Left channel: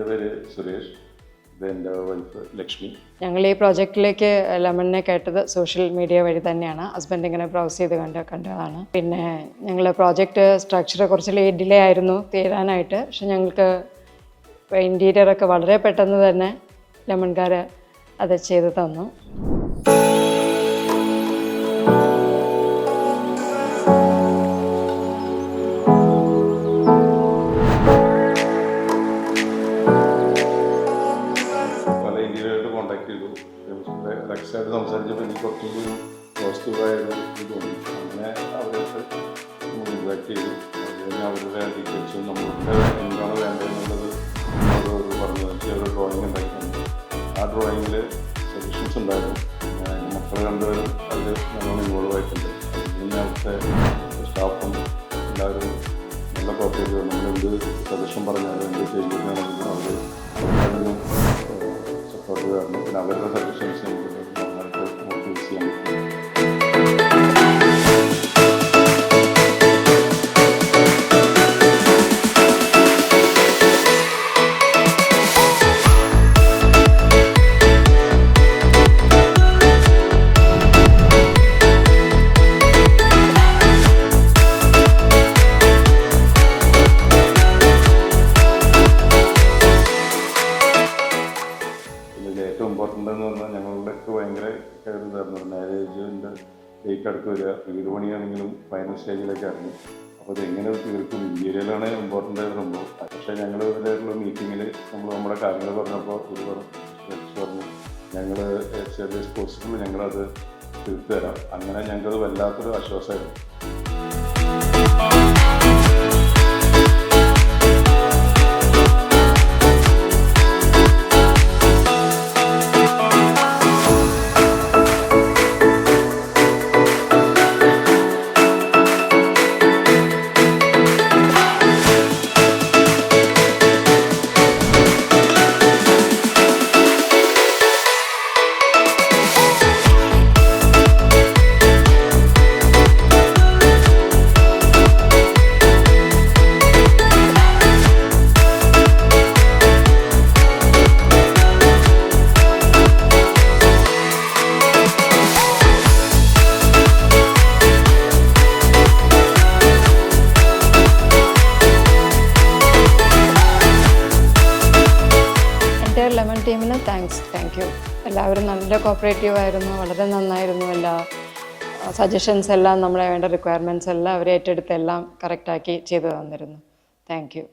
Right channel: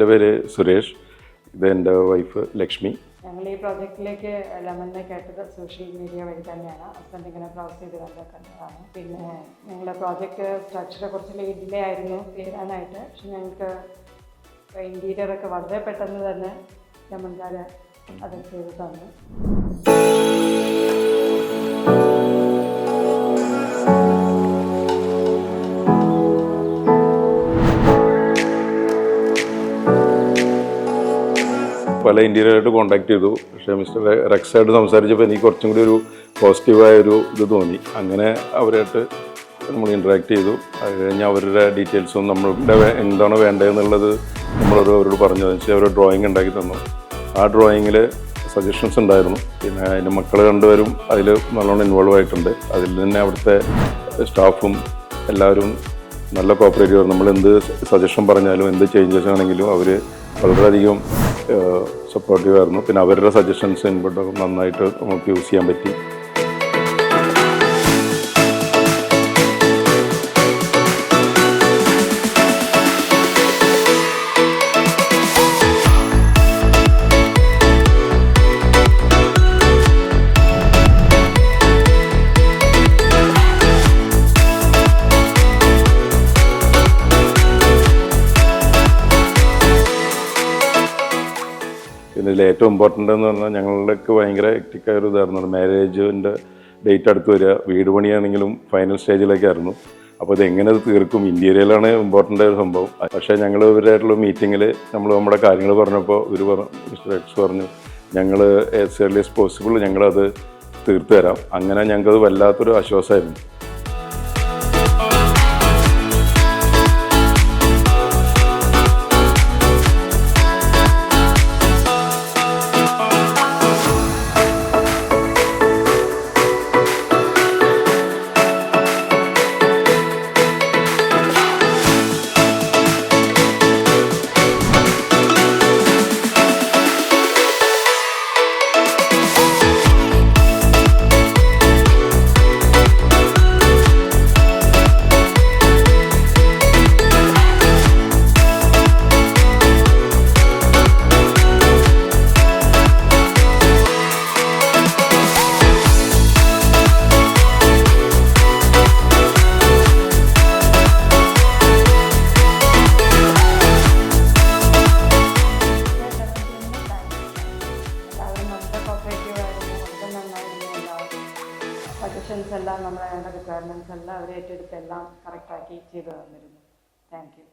എൻ്റെ പേര് സുരേഷ്, ഇത് എൻ്റെ വൈഫ് ലക്ഷ്മി. ഞങ്ങൾ ഈ പ്രോജക്റ്റിലേക്ക് ലെമണിനെ കേട്ടത് സോഷ്യൽ മീഡിയ വഴി തന്നെയാണ്. ഹസ്ബൻഡ് ഇങ്ങനെ ബ്രൗസ് ചെയ്ത് കണ്ടതാണ്. പിന്നെ ഞങ്ങൾ പ്രോജക്റ്റ് സ്ട്രക്ചർ കുറച്ച് ഡിലേ ആയിരുന്നു തീരാനായിട്ട്. പക്ഷെ ഞങ്ങൾക്ക് ഇൻറ്റീരിയറൊക്കെ വളരെ പെട്ടെന്ന് തന്നെ ലെമൺകാർ അത് ചെയ്ത് തന്നു. പല ഇൻറ്റീരിയറായിട്ട് കോൺടാക്ട് ചെയ്തു. പക്ഷേ മിസ്റ്റർ റെക്സായിട്ട് സംസാരിച്ചപ്പോൾ എനിക്ക് കുറച്ചും കൂടി ഒരു പോസിറ്റീവായൊരു ഇത് തോന്നി. അങ്ങനെ അവരായിട്ട് നമ്മൾ ഇൻട്രാക്ട് ചെയ്തു. അത് കഴിഞ്ഞ് അവരുടെ ഡീറ്റെയിൽസും നമ്മളുടെ എന്താണ് വേണ്ടതെന്നുള്ളത് നമ്മളവരോട് പറഞ്ഞു. വെച്ചാൽ അവർ ഡ്രോയിങ് ഉണ്ടാക്കി തന്നു. ആ ഡ്രോയിങ്ങിൽ സജഷൻസ് ഉണ്ടായിരുന്നു. പിന്നെ അതിൻ്റെ മക്കൾ രണ്ടുപേരും അതിൽ നല്ലോണം ഇൻവോൾവ് ആയിട്ടുണ്ട്. അതിൽ തന്നെ അവിടുത്തെ സ്റ്റാഫും എല്ലാവരും നല്ല കോപ്പറേറ്റീവ്. നമ്മൾ എന്ത് സജഷൻ പറഞ്ഞാലും എന്ത് ചേഞ്ചസ് ആണെങ്കിലും അവർ വളരെയധികം സപ്പോർട്ടീവ് ആയിരുന്നു. പിന്നെ അവരുടെ സജഷൻസ് ഇൻപുട്ട് നന്നായിട്ട് നമുക്ക് യൂസ് ചെയ്യാൻ പറ്റി. പിന്നെ ഇതിൽ ഏറ്റവും ഇമ്പോർട്ടൻ്റ് എന്ന് പറഞ്ഞാൽ ഞങ്ങളുടെയൊക്കെ ഭയങ്കര ഹെക്റ്റിക്കായ ഒരു ഇതായിരുന്നു. മാരേജിൻ്റെ ഡേറ്റ് അടുത്ത് വരിക, വീട് പണിയാണെങ്കിലും ഫൈനൽ സ്റ്റേജിലേക്കായിരുന്നു. അപ്പോൾ ഇത് എങ്ങനെ തീർക്കും, ഇൻറ്റീരിയലാണ് ഇമ്പോർട്ടൻ്റ് ആയ സംഭവം. പക്ഷേ ഞങ്ങൾ ഇവരായിട്ടുള്ള മീറ്റിങ്ങിൽ നമ്മൾ നമ്മുടെ കാര്യങ്ങൾ പറഞ്ഞപ്പോൾ മിസ്റ്റർ എക്സ് പറഞ്ഞു, ഞങ്ങൾ ആസ് ഏർലി ആസ് പോസിബിൾ ഞങ്ങളത് തീർത്തു തരാം. അങ്ങനെ ഞങ്ങൾക്കത് വല്ലാത്തൊരു ആശ്വാസമായിരുന്നു. എല്ലാവരും നല്ല കോപ്പറേറ്റീവ് ആയിരുന്നു, വളരെ നന്നായിരുന്നു. എല്ലാ സജഷൻസ് എല്ലാം, നമ്മളെ വേണ്ട റിക്വയർമെൻറ്റ്സ് എല്ലാം അവർ ഏറ്റെടുത്ത് എല്ലാം കറക്റ്റാക്കി ചെയ്തു തന്നിരുന്നു. Thank you.